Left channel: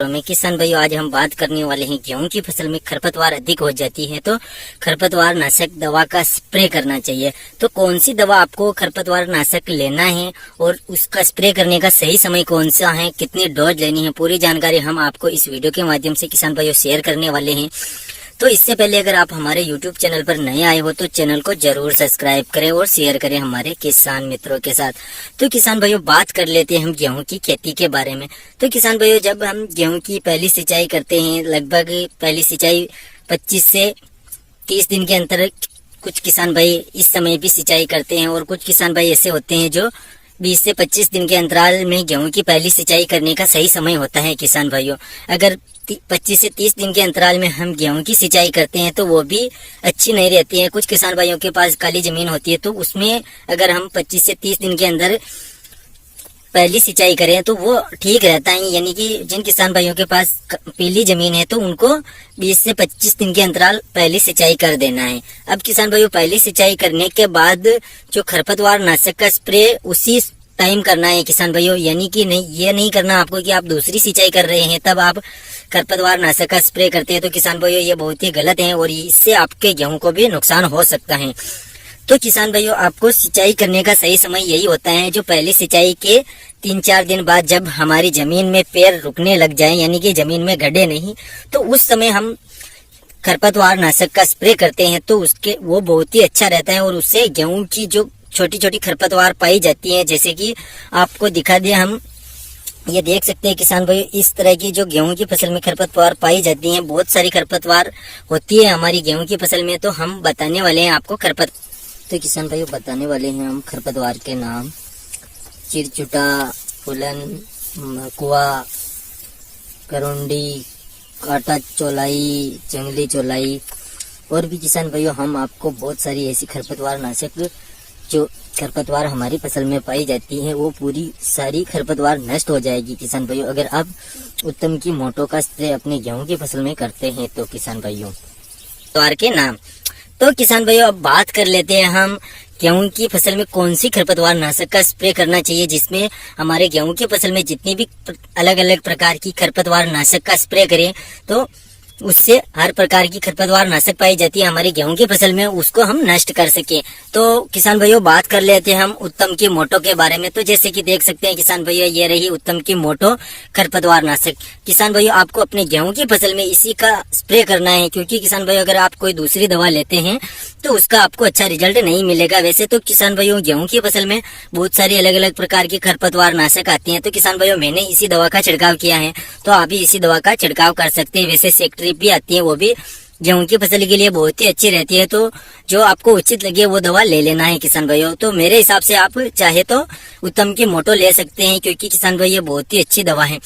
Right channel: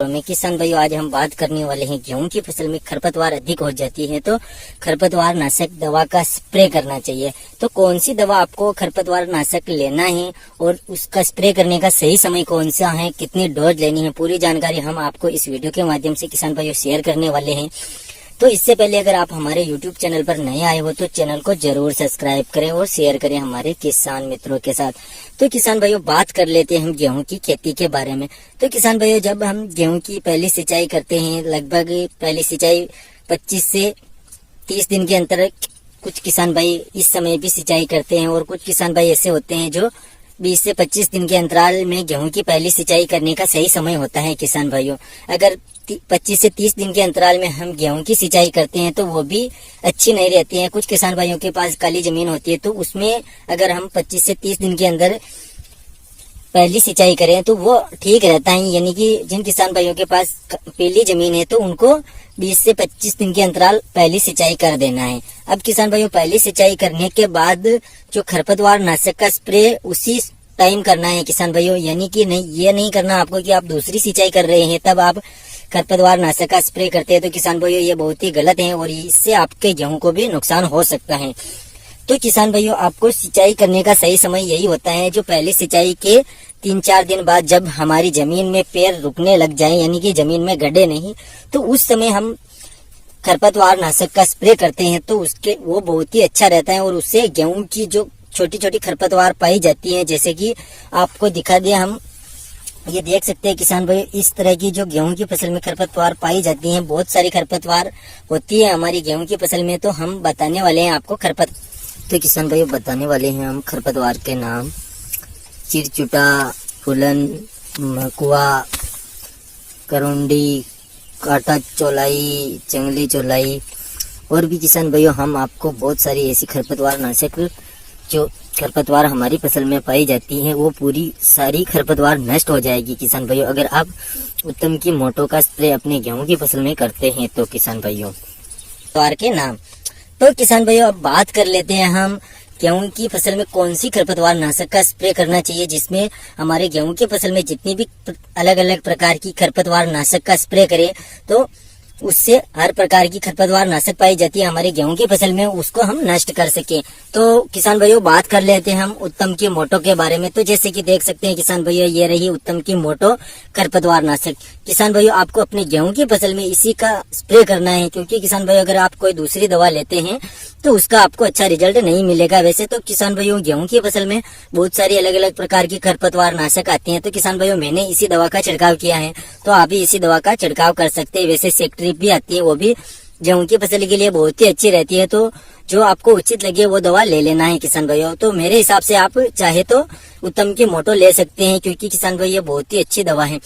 तो मैं किसान भाइयों आज हम बात करने वाले हैं गेहूं की फसल में खरपतवार अधिक हो जाती है तो खरपतवार नाशक दवा का स्प्रे करना चाहिए। तो कौन सी दवा आपको खरपतवार नाशक लेना है और उसका स्प्रे करने का सही समय कौन सा है, कितने डोज लेनी है, पूरी जानकारी हम आपको इस वीडियो के माध्यम से किसान भाइयों शेयर करने वाले हैं। तो इससे पहले अगर आप हमारे YouTube चैनल पर नए आए हो तो चैनल को जरूर सब्सक्राइब करें और शेयर करें हमारे किसान मित्रों के साथ। तो किसान भाइयों बात कर लेते हैं हम गेहूं की खेती के बारे में। तो किसान भाइयों जब हम गेहूं की पहली सिंचाई करते हैं, लगभग पहली सिंचाई 25 से 30 दिन के अंतर कुछ किसान भाई इस समय भी सिंचाई करते हैं और कुछ किसान भाई ऐसे होते हैं जो 20 से 25 दिन के अंतराल में गेहूं की पहली सिंचाई करने का सही समय होता है। किसान भाइयों अगर 25 से 30 दिन के अंतराल में हम गेहूं की सिंचाई करते हैं तो वो भी अच्छी नहीं रहती है। कुछ किसान भाइयों के पास काली जमीन होती है तो उसमें अगर हम 25 से 30 दिन के अंदर पहली सिंचाई करें तो वो ठीक रहता है। यानी कि जिन किसान भाइयों के पास पीली जमीन है तो उनको 20 से 25 दिन के अंतराल पहली सिंचाई कर देना है। अब किसान भाइयों पहली सिंचाई करने के बाद जो खरपतवार नाशक का स्प्रे उसी टाइम करना है किसान भाइयों। यानी कि नहीं, ये नहीं करना आपको कि आप दूसरी सिंचाई कर रहे हैं तब आप खरपतवार नाशक का स्प्रे करते हैं। तो किसान भाइयों ये बहुत ही गलत है और इससे आपके गेहूं को भी नुकसान हो सकता है। तो किसान भाइयों आपको सिंचाई करने का सही समय यही होता है जो पहली सिंचाई के 3-4 दिन बाद जब हमारी जमीन में पैर रुकने लग जाए, यानी कि जमीन में गड्ढे नहीं, तो उस समय हम खरपतवार नाशक का स्प्रे करते हैं तो उसके वो बहुत ही अच्छा रहता है और उससे गेहूं की जो छोटी छोटी खरपतवार पाई जाती है, जैसे कि आपको दिखा दे, हम ये देख सकते हैं किसान भाई इस तरह की जो गेहूं की फसल में खरपतवार पाई जाती हैं, बहुत सारी खरपतवार होती है हमारी गेहूं की फसल में। तो हम बताने वाले हैं आपको तो किसान भाई बताने वाले हैं हम खरपतवार के नाम। चिरचुटा, फुलन, मकुआ, करुंडी, काटा चौलाई, जंगली चौलाई और भी किसान भाइयों हम आपको बहुत सारी ऐसी खरपतवार नाशक जो खरपतवार हमारी फसल में पाई जाती है वो पूरी सारी खरपतवार नष्ट हो जाएगी किसान भाइयों अगर आप उत्तम की मोटो का स्प्रे अपने गेहूं की फसल में करते हैं। तो किसान भाइयों खरपतवार के नाम। तो किसान भाइयों अब बात कर लेते हैं हम गेहूं की फसल में कौन सी खरपतवार नाशक का स्प्रे करना चाहिए जिसमें हमारे गेहूं की फसल में जितनी भी अलग अलग प्रकार की खरपतवार नाशक का स्प्रे करें तो उससे हर प्रकार की खरपतवार नाशक पाई जाती है हमारी गेहूं की फसल में, उसको हम नष्ट कर सकें। तो किसान भाइयों बात कर लेते हैं हम उत्तम की मोटो के बारे में। तो जैसे कि देख सकते हैं किसान भाइयों ये रही उत्तम की मोटो खरपतवार नाशक। किसान भाइयों आपको अपने गेहूं की फसल में इसी का स्प्रे करना है क्योंकि किसान भाइयों अगर आप कोई दूसरी दवा लेते हैं तो उसका आपको अच्छा रिजल्ट नहीं मिलेगा। वैसे तो किसान भाइयों गेहूं की फसल में बहुत सारी अलग अलग प्रकार की खरपतवार नाशक आती हैं। तो किसान भाइयों मैंने इसी दवा का छिड़काव किया है तो आप भी इसी दवा का छिड़काव कर सकते हैं। वैसे सेक्ट्री भी आती है वो भी गेहूं की फसल के लिए बहुत ही अच्छी रहती है। तो जो आपको उचित लगे वो दवा ले लेना है किसान भाइयों। तो मेरे हिसाब से आप चाहे तो उत्तम की मोटो ले सकते हैं क्योंकि किसान भाई ये बहुत ही अच्छी दवा है।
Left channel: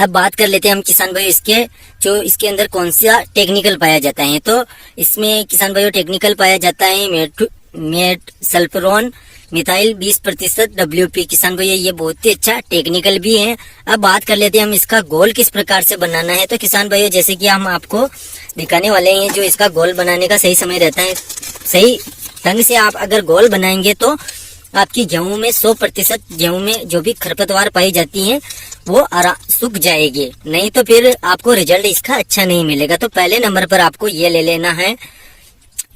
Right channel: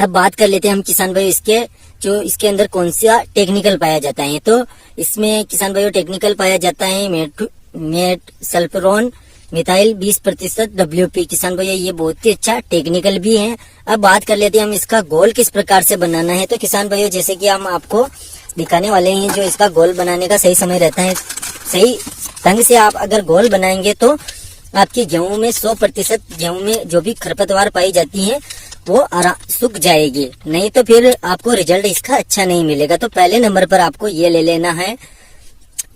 अब बात कर लेते हैं हम किसान भाई इसके अंदर कौन सा टेक्निकल पाया जाता है। तो इसमें किसान भाइयों टेक्निकल पाया जाता है मेट सल्फरोन मिथाइल 20% WP। किसान भैया ये बहुत ही अच्छा टेक्निकल भी है। अब बात कर लेते हैं हम इसका घोल किस प्रकार से बनाना है। तो किसान भैया जैसे कि हम आपको दिखाने वाले हैं जो इसका घोल बनाने का सही समय रहता है। सही ढंग से आप अगर घोल बनाएंगे तो आपकी गेहूं में 100% गेहूं में जो भी खरपतवार पाई जाती है वो सूख जाएगी, नहीं तो फिर आपको रिजल्ट इसका अच्छा नहीं मिलेगा। तो पहले नंबर पर आपको ये ले लेना है,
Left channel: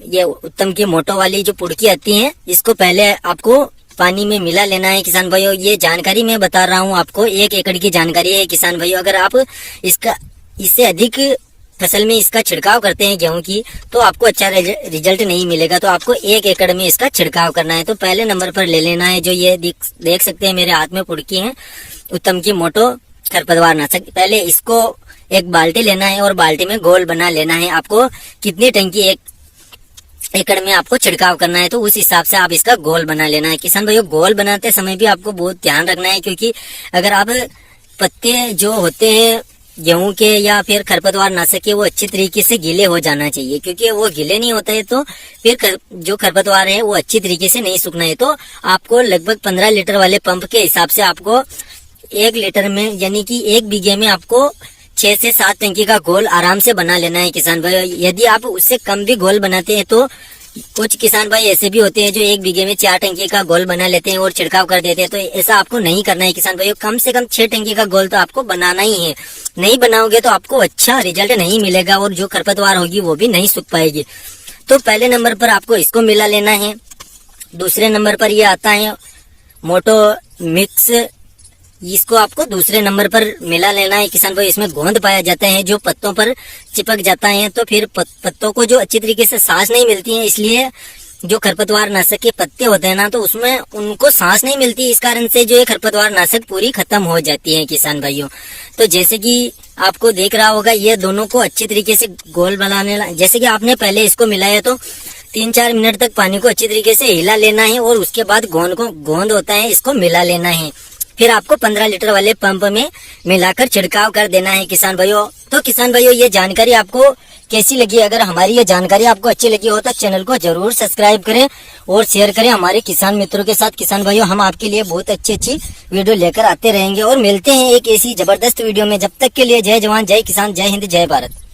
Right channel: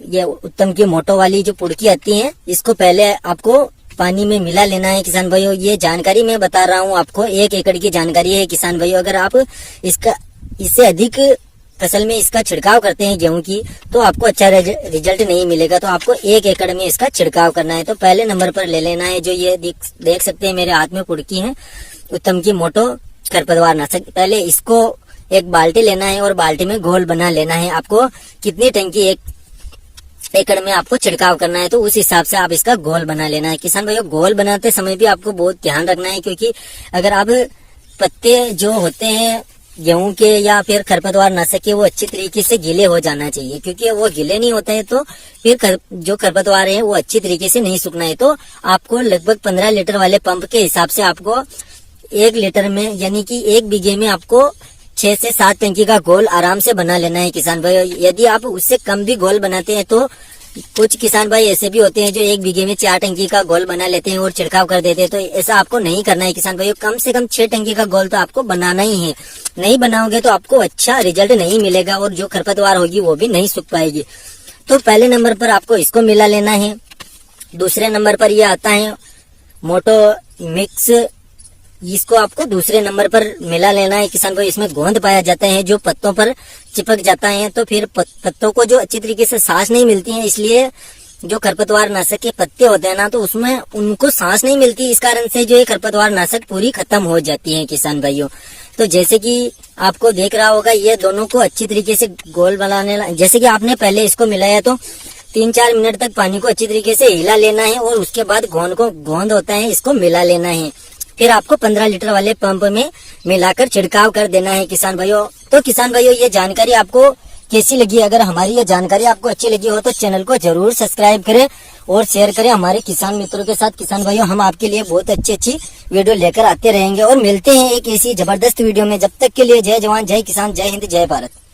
ये उत्तम की मोटो वाली जो पुड़की आती है इसको पहले आपको पानी में मिला लेना है किसान भाइयों। ये जानकारी मैं बता रहा हूँ आपको, 1 एकड़ की जानकारी है किसान भाइयों। अगर आप इससे अधिक फसल में इसका छिड़काव करते हैं गेहूं की तो आपको अच्छा रिजल्ट नहीं मिलेगा। तो आपको 1 एकड़ में इसका छिड़काव करना है। तो पहले नंबर पर ले लेना है जो ये देख सकते हैं मेरे हाथ में पुड़की है उत्तम की मोटो खरपतवार नाशक। पहले इसको एक बाल्टी लेना है और बाल्टी में घोल बना लेना है। आपको कितनी टंकी 1 एकड़ में आपको छिड़काव करना है तो उस हिसाब से आप इसका घोल बना लेना है किसान भाइयों। घोल बनाते समय भी आपको बहुत ध्यान रखना है क्योंकि अगर आप पत्ते जो होते हैं गेहूं के या फिर खरपतवार नाशक के वो अच्छी तरीके से गीले हो जाना चाहिए क्योंकि वो गीले नहीं होता है तो फिर जो खरपतवार है वो अच्छी तरीके से नहीं सूखना है। तो आपको लगभग 15 लीटर वाले पंप के हिसाब से आपको 1 लीटर में यानी कि 1 बीघे में आपको 6 से 7 टंकी का घोल आराम से बना लेना है किसान भाई। यदि आप उससे कम भी घोल बनाते हैं तो कुछ किसान भाई ऐसे भी होते हैं जो 1 बीघे में 4 टंकी का गोल बना लेते हैं और छिड़काव कर देते हैं। तो ऐसा आपको नहीं करना है किसान भाई, कम से कम 6 टंकी का गोल तो आपको बनाना ही है। नहीं बनाओगे तो आपको अच्छा रिजल्ट नहीं मिलेगा और जो खरपतवार होगी वो भी नहीं सूख पाएगी। तो पहले नंबर पर आपको इसको मिला लेना है। दूसरे नंबर पर ये आता है मोटो मिक्स, इसको आपको दूसरे नंबर पर मिला लेना है किसान भाई। इसमें गोंद पाया जाता है जो पत्तों पर चिपक जाता है, तो फिर पत्तों को जो अच्छी तरीके से सांस नहीं मिलती है, इसलिए जो खरपतवार नाशक के पत्ते होते हैं ना, तो उसमें उनको सांस नहीं मिलती, इस कारण से जो है खरपतवार नाशक पूरी खत्म हो जाती है किसान भाइयों। तो जैसे कि आपको देख रहा होगा, ये दोनों को अच्छी तरीके से गोल बनाने, जैसे कि आपने पहले इसको मिलाया तो 3-4 मिनट तक पानी को अच्छी तरीके से हिला लेना है और उसके बाद गोंद होता है इसको मिला लेना है। फिर आपको 15 लीटर वाले पंप में मिलाकर छिड़काव कर देना है किसान भाइयों। तो किसान भाइयों, ये जानकारी आपको कैसी लगी? अगर हमारी ये जानकारी आपको अच्छी लगी हो तो चैनल को जरूर सब्सक्राइब करें और शेयर करें हमारे किसान मित्रों के साथ। किसान भाइयों, हम आपके लिए बहुत अच्छी वीडियो लेकर आते रहेंगे और मिलते हैं एक ऐसी जबरदस्त वीडियो में। जब तक के लिए जय जवान, जय किसान, जय हिंद, जय भारत।